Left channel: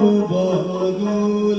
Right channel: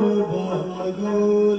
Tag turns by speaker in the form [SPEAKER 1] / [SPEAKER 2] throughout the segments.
[SPEAKER 1] bu bağlı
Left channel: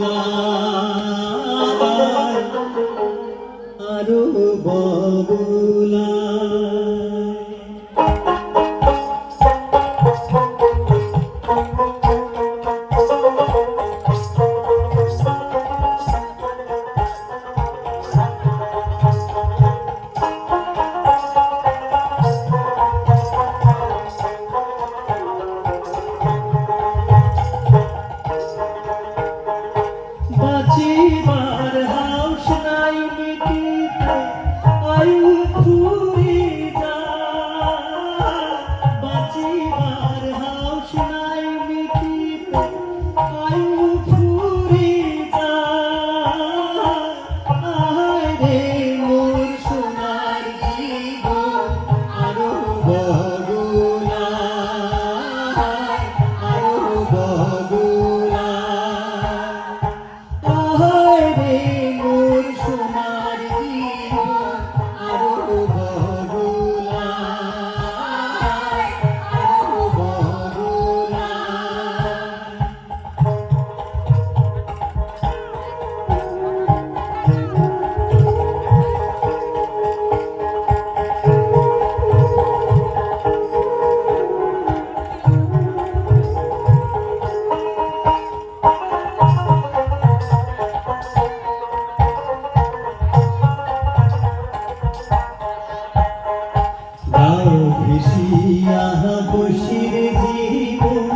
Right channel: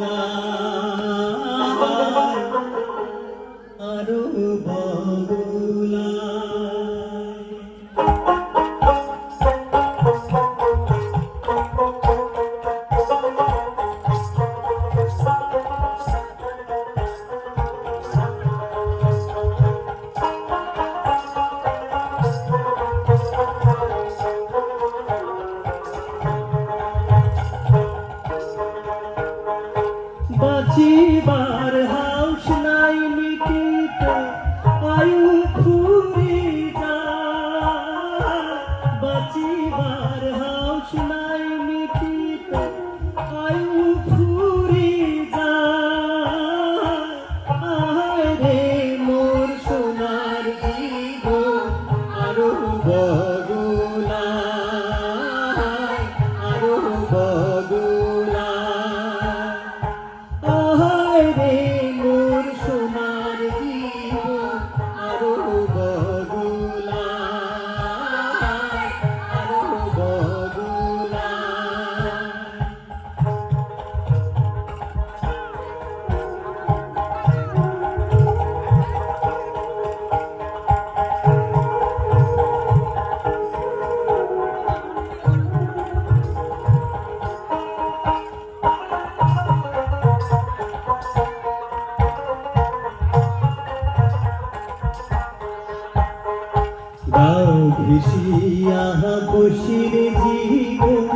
[SPEAKER 1] Basir জীবন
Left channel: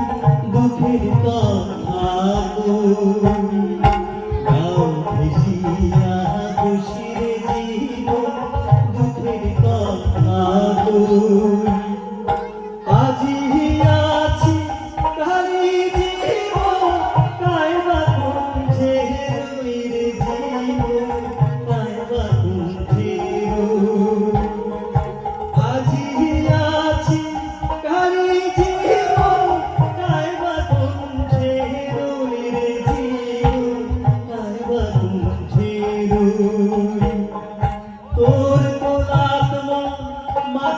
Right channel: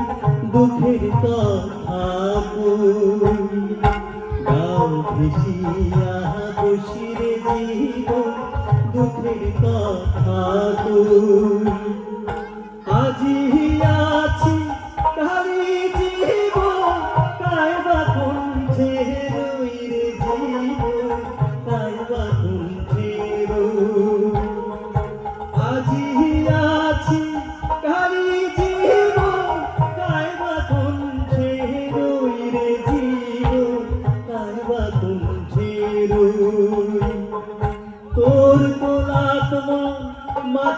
[SPEAKER 1] দুঃখের কথা গাও ভেসিয়া और को आत्मा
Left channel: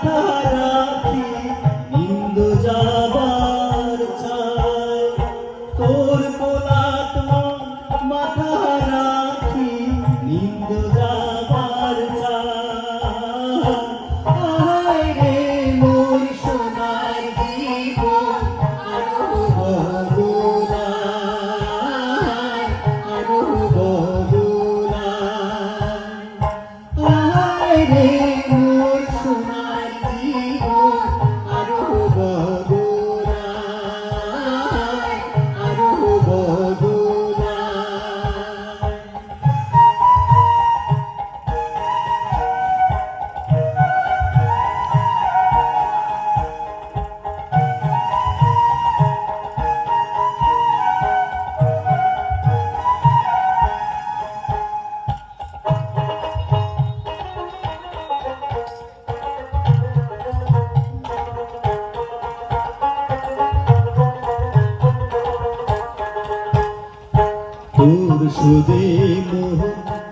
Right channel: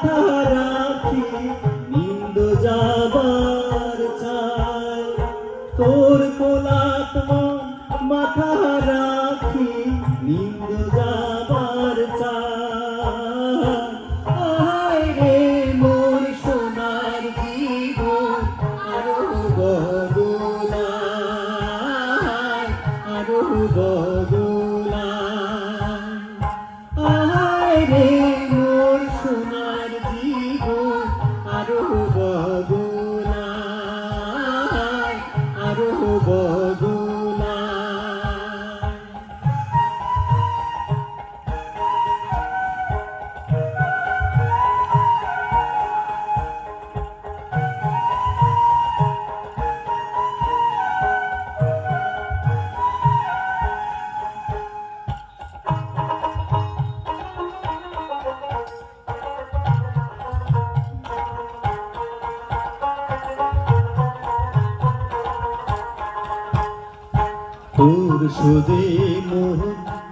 [SPEAKER 1] মুর্শদে মোহ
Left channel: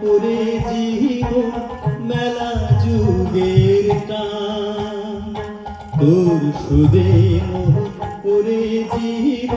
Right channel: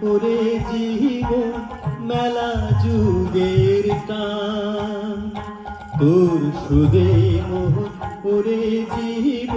[SPEAKER 1] ওরে জীব মেলা যুগের টান। তোর সুদে মোহ ওরে জীব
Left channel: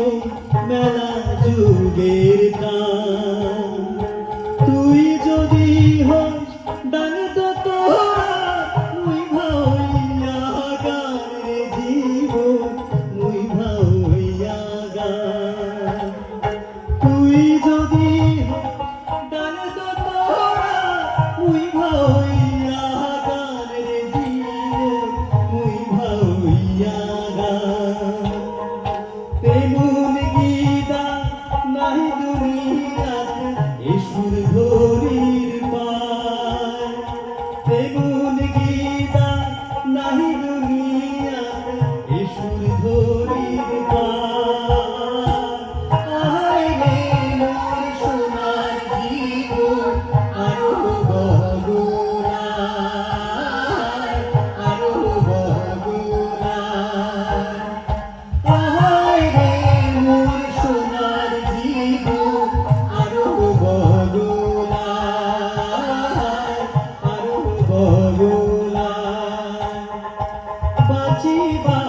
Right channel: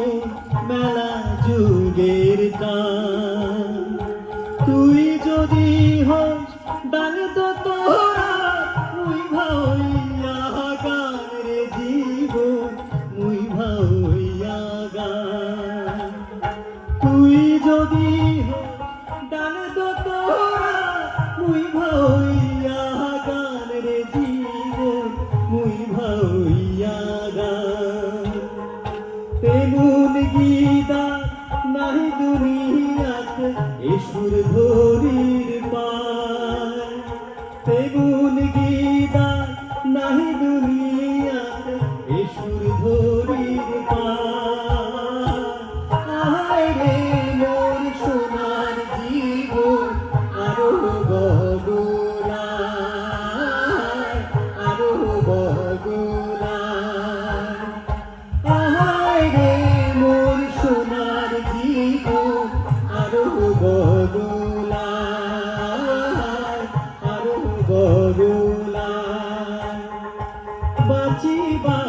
[SPEAKER 1] বাঁচিবার